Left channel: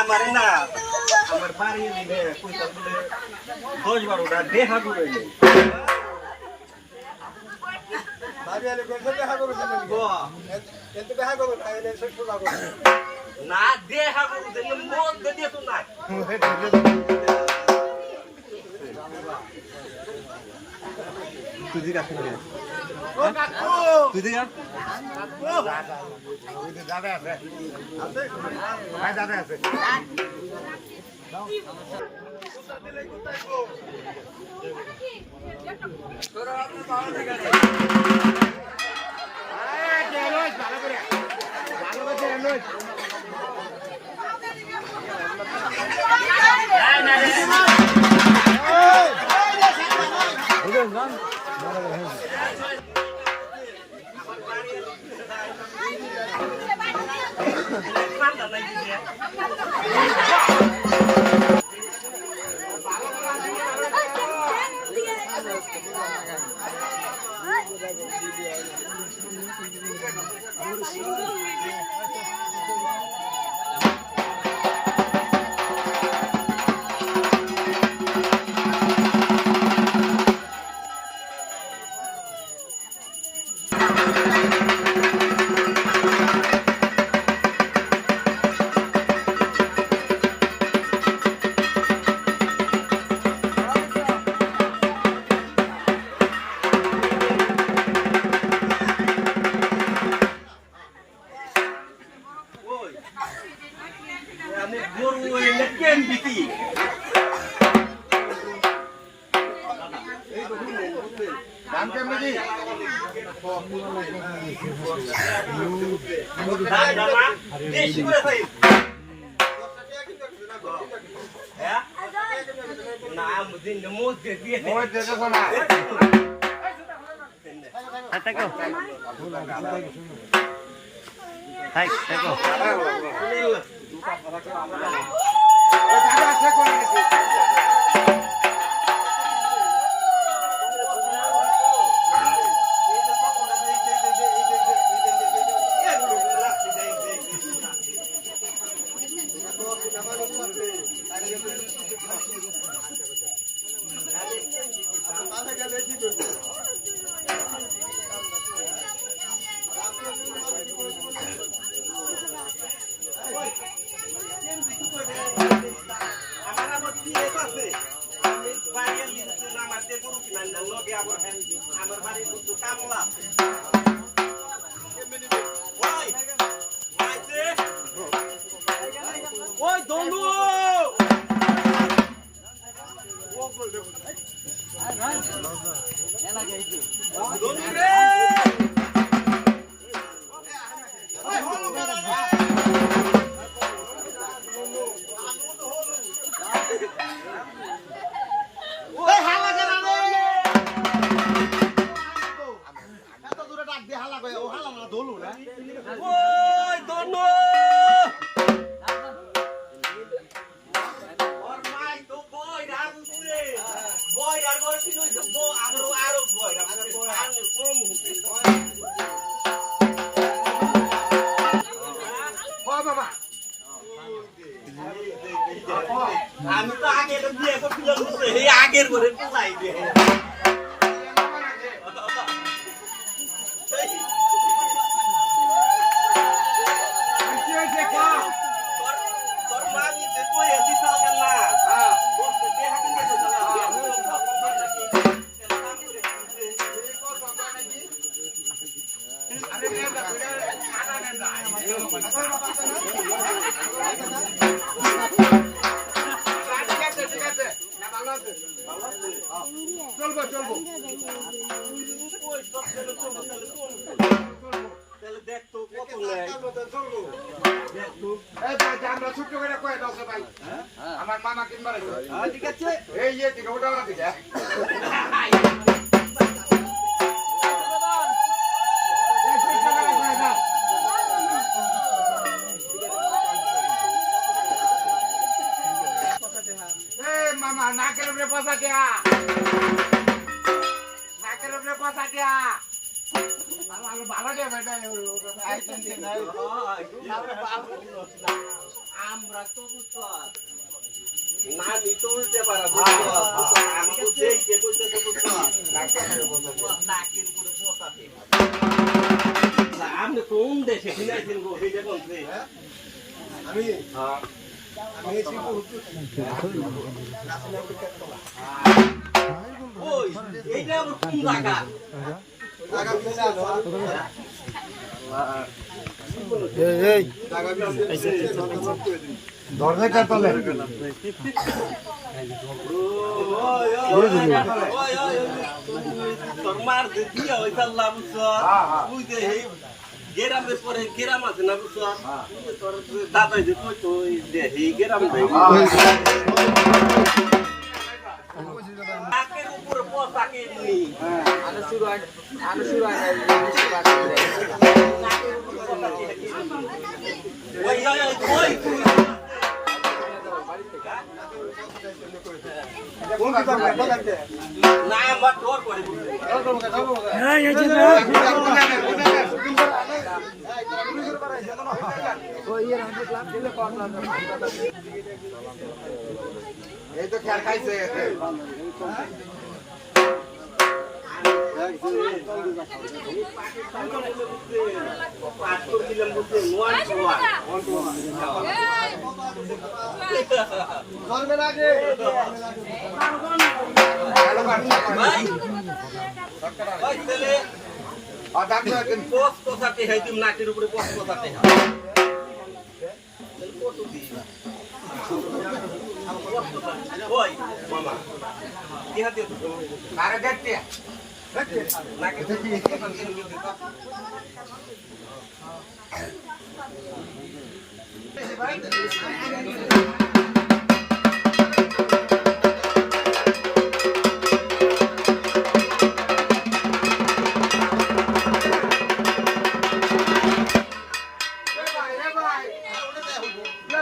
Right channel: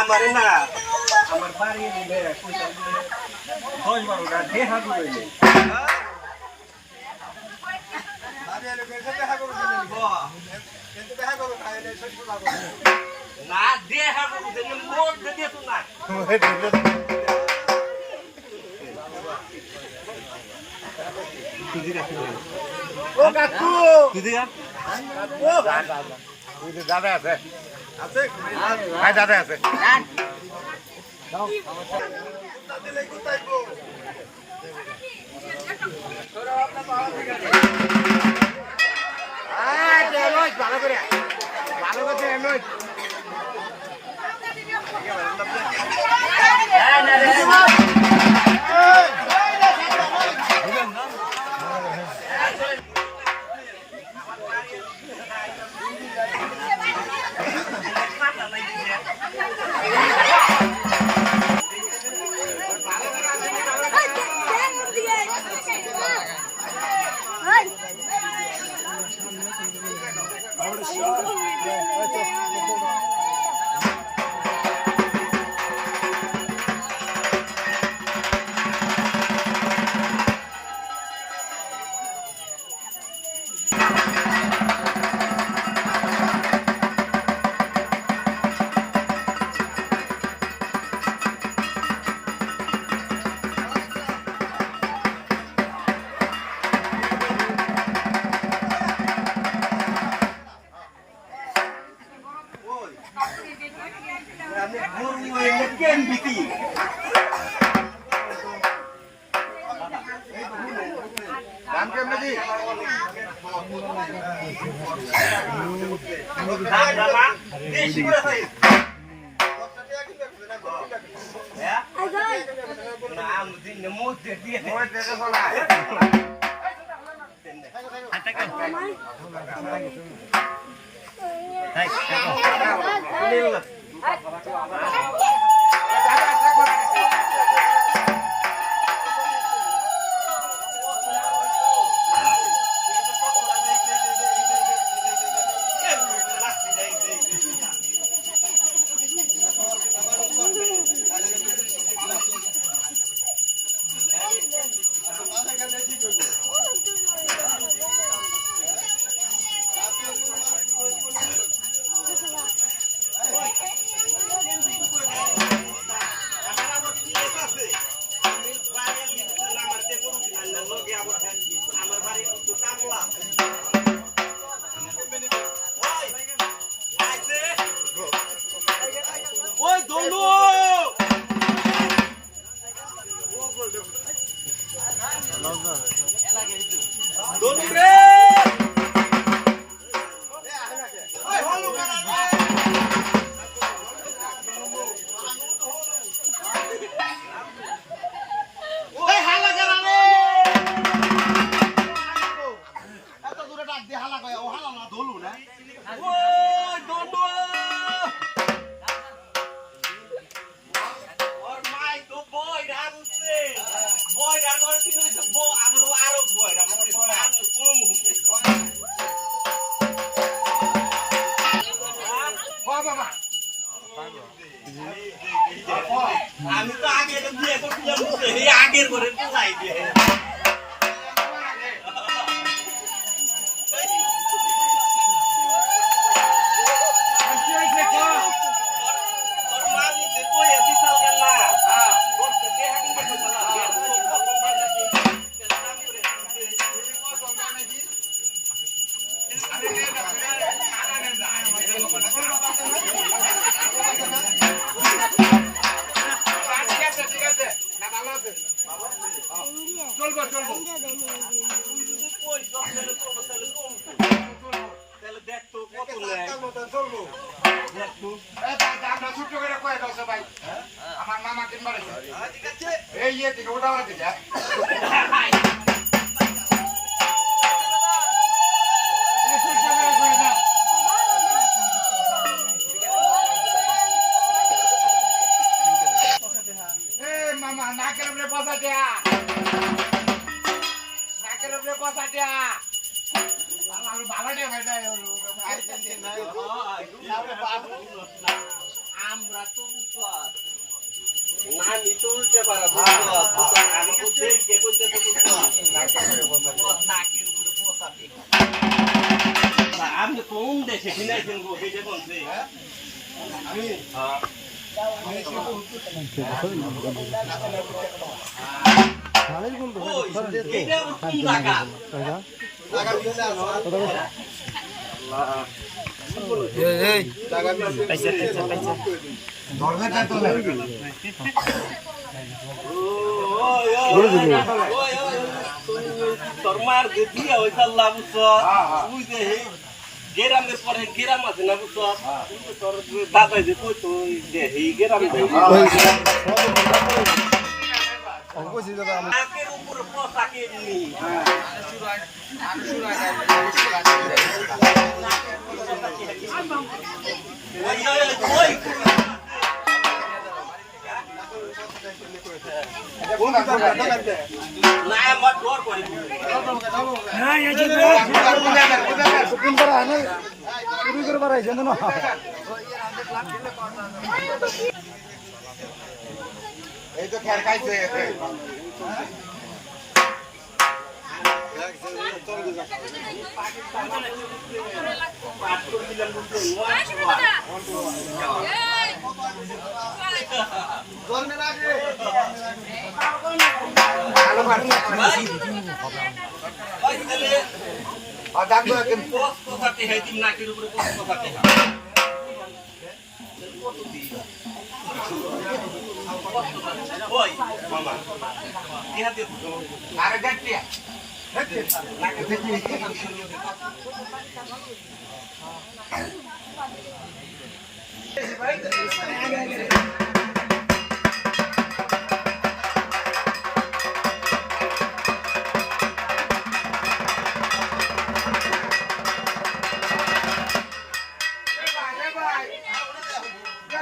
আমারে না আমার বাড়ি নিলে পয়সা গুলো 10-12টা দেখা দিবে না দেখা করতে মন দিয়ে তো না তুই দিগা ও কাকু তুই দিগা ও দাদা আছে ভাই দাদা আছে দিলে কোথায় গো তোরা আপনা পাওয়া থেকে ভালো করে নয় আমি গরু এনে কেন বিকি এই তো বুঝলেন দাম কেমন দি দাম বেশি করে ভাই 10 টাকা কিনবে না না মুদিন মধ্যে দিয়ে মধ্যে দেখো না টাকা হাই টাকা শুনিল দাদা আছে করে গেছে আমার বাড়ি কত কামলা ওই দলু আমি তো আগে দিয়ে তো ফিল্ম করতে এই আগের করে লাই দিয়ে চলবো চলবো তাহলে দেখতো কত চলবো ছোট্ট করে কয়ে দাও ভাই আমার মামা কিনবার ঠিক আছে এই দিকে ওটা ওরা দিকে মামা নাকের উপরে বসা দেয়া নাকের উপরে বসা দেয়া আমরা তো না নি তো উঠতে পারবো আমাকে দেখে কইতে তো নাকের উপরে বসাতে আপনি কোন দেশে কিনাইছেন গো এই যে কোনছে আমি হ্যাঁ আমি শিবু ওই এইটা কোন জায়গা জায়গা দিছে আল্লাহ এই জায়গা দিছে পয়সা ধরলে তো লাগে ওই তোর মার দিয়া হইছে আল্লাহ বুঝছো তুই যে গেরাম রে পরে গেরাম আছে না বুঝছো তোর দাদা যে কইতো যে এই গেরাম দেই নাকের উপর বসা কে নি ওই না আমার ডর করে হ্যাঁ এই যে এই তো খেল খাইছে পাঁচ করছিলাম বলতে জন্মের আগে কথাতে হয় তুমি নাকের উপরে কথাতে হয় ওই মামা কি হাতে আরে দেখতে নাকে দেখি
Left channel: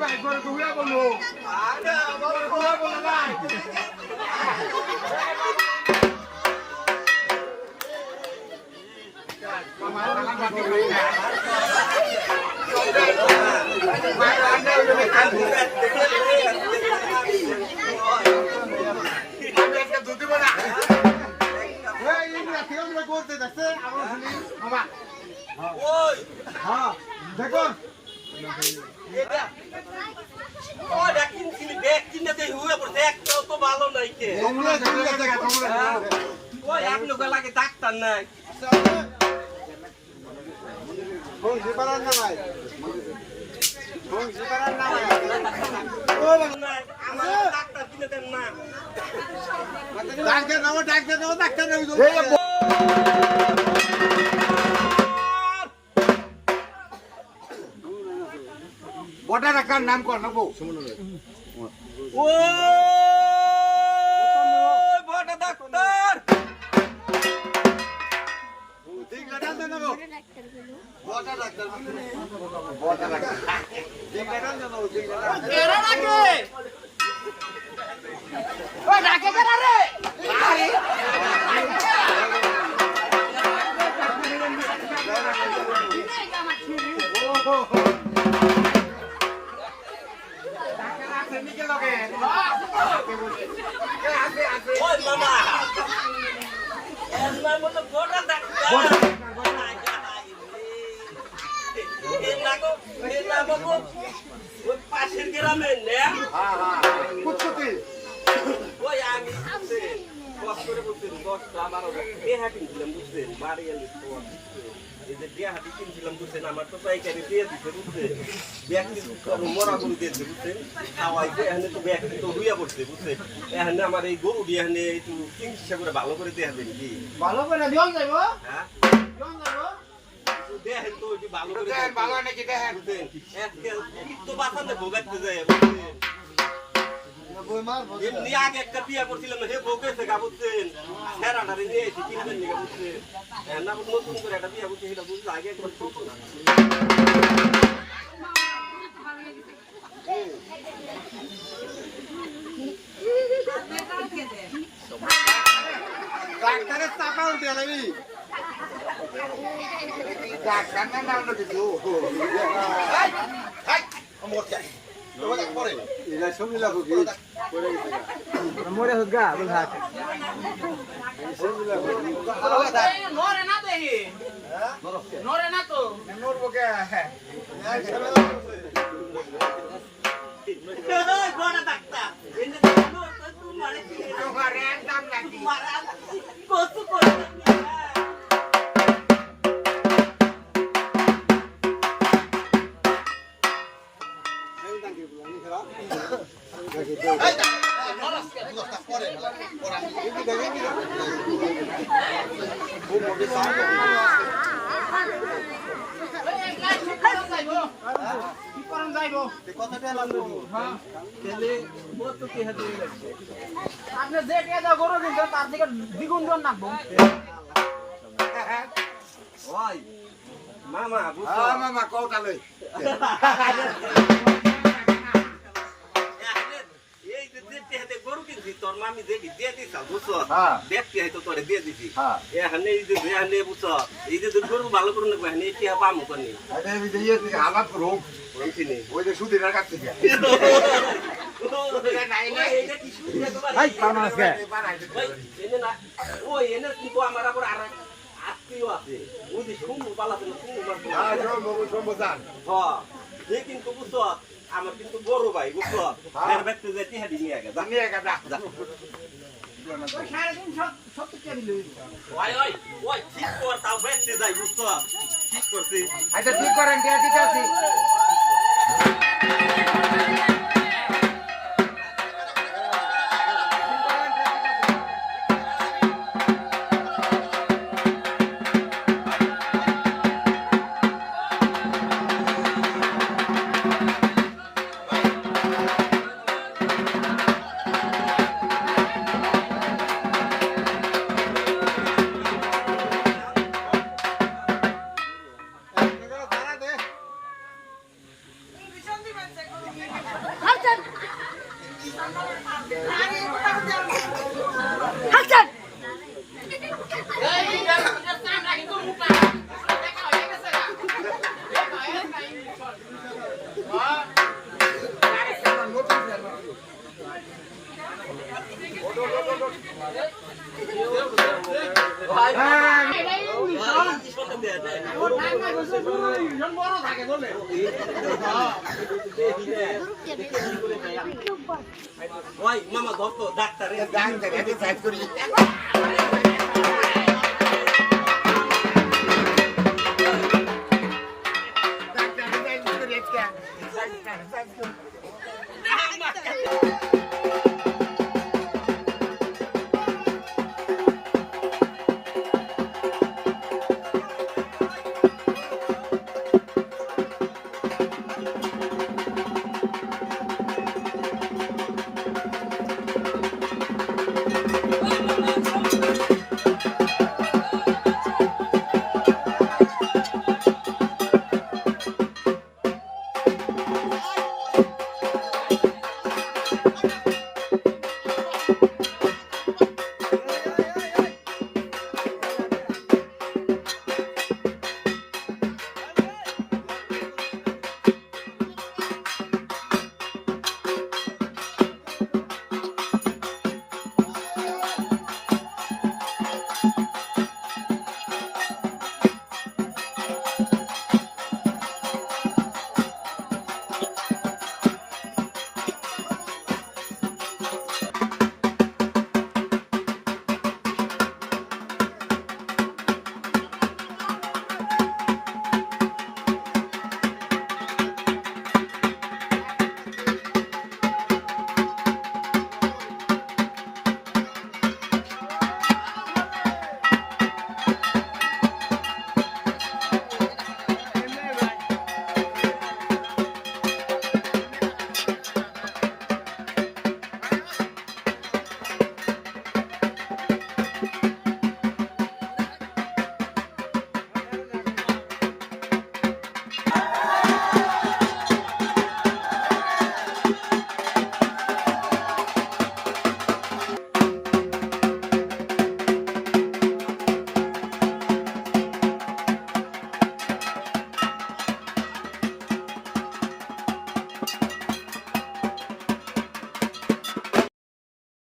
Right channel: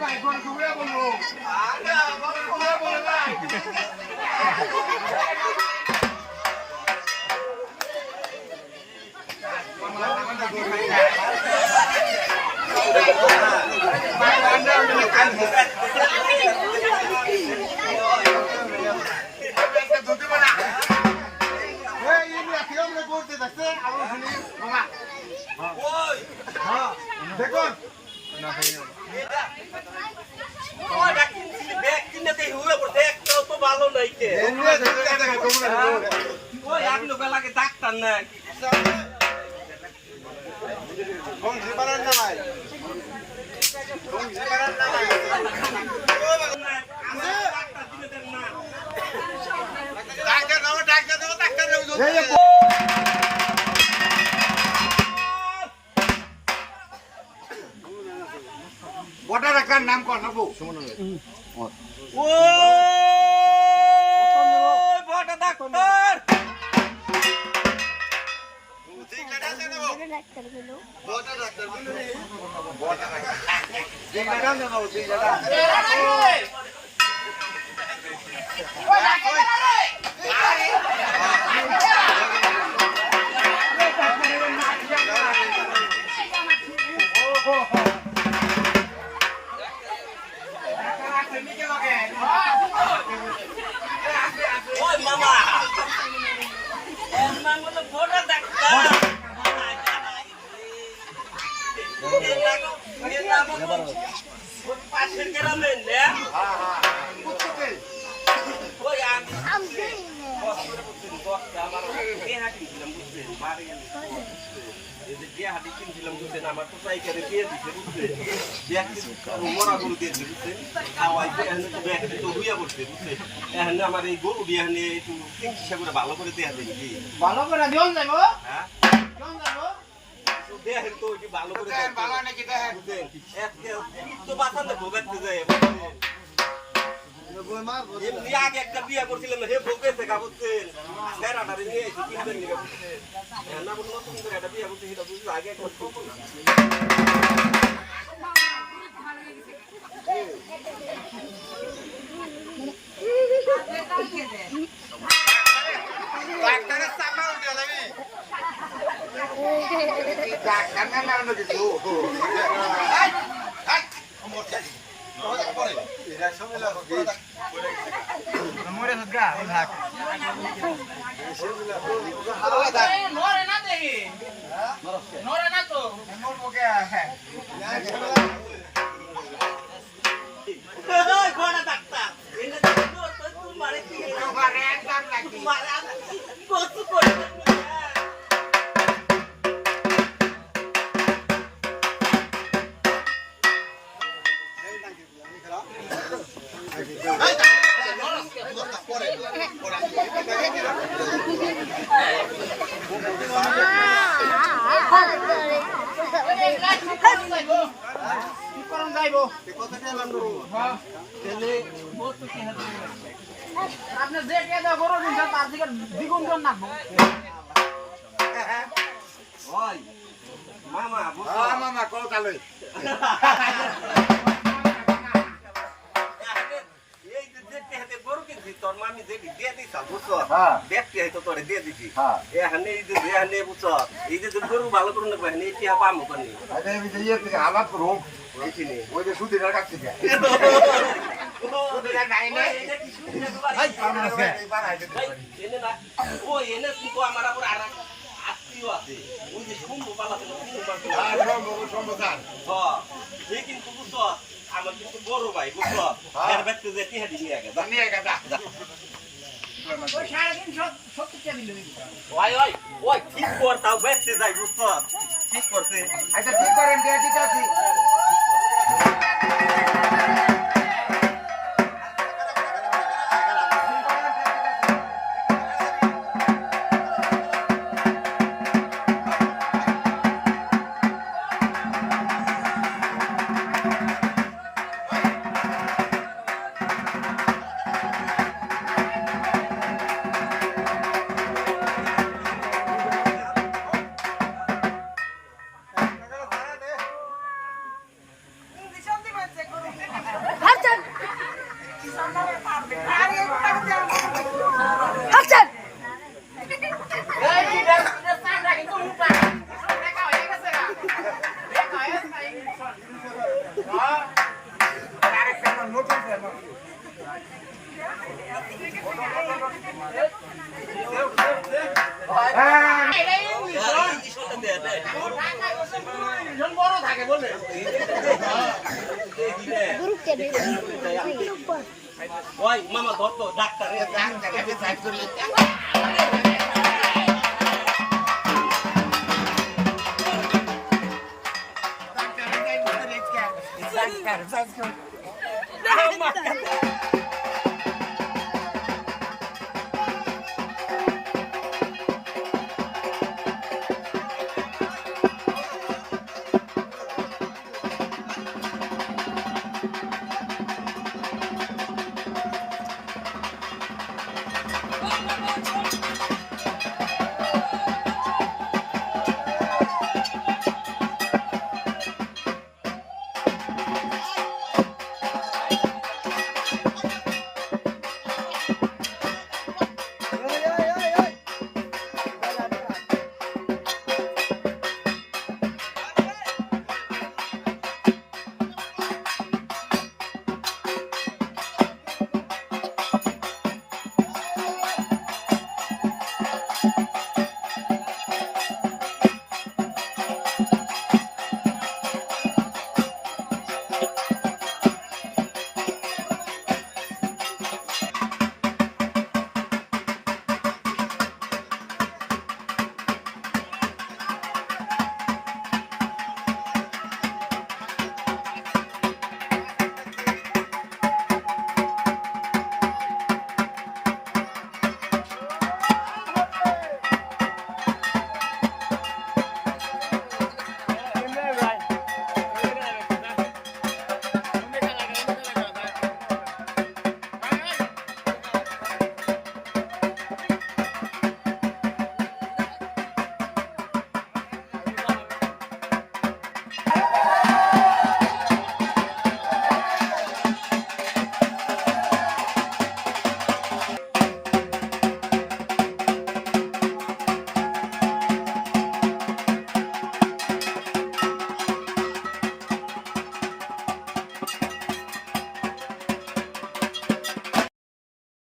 ভাই করে তুমি বলো আরে বলো তুমি বলো না দেখো ভালো নাই ডাক্তার নাই বটা ডাক্তার নাম কর নেবো বটা ডাক্তার পাশের গ্রামে আমার তো পাইকারি দিয়ে দিচ্ছে বুঝছেন মরা গরু দিয়েছে বুঝছেন খাওয়াইছে এখানে তো ব্যাগটি তো হইয়া পড়ছে বুঝছেন এখানে আমার এই গরু দিয়ে এখানে একটু চিকিৎসা করে ভালো করে দেওয়া দেন কি ভালো করে দিন যাইব হ্যাঁ দেখেন তো ওইটি ভালো করে ভালো নাকি দেখেন তো বাঁচাতে ভোগাতে যায় এমনি আগে একটা বিয়া করছিলাম হে ভোগেছে গা বুঝছেন সেরাটারে নিয়ে এসে কিনবেন নিয়ে বুঝছেন না নতুন করে একটা বিয়া করছে সেটা বুঝলে আগে একবার ডাক্তারের চাপা উঠে যাবি মরে গা ভাগ নরে না দেখি নরে না তো নরবো কে গোড়া ডাক্তার মারে একদম লাগি মারা কত করে আপনি যে কে গরু কিনছেন তার থেকে দ্বিগুণ জন নাকবো ওই মামা বুঝছো মামা কৌতালই এই যে দেখতে গরু কিনছি তোর মামি যে দিয়ে দিছ বুঝছো হ্যাঁ। দেখতে হয়তো তোরে দিয়ে দিছি হ্যাঁ। এখানে এই যে এখানে বুঝছো এই যে গরু ভালো করে নেবো এখানে এটি পামু করনি আরে আমি যে থেকে হালাত রোগ এইখানে ওই যে সুদিনের কাছ থেকে ওই এনে কিন্তু আমার আবার আর আত্মীয় আছে ওই যে শুনবো পালাতে সম্বোধন যে কিন্তু বুঝছো আমার কিন্তু বড় ভাই বুঝছো এর ব্যক্তি যে টিহাদি নিয়ে আগে নিয়ে গেদা ওই 3.5 টাকা দিল ওই ওই ওই ঠিক কর তাও ব্যক্তি যাই বুঝছো ঠিক করছি আচ্ছা ঠিক করেন ঠিক আছে হাসান বড় থাকে বলে ওই মামা ধর তো ডাক্তারে সাইড করি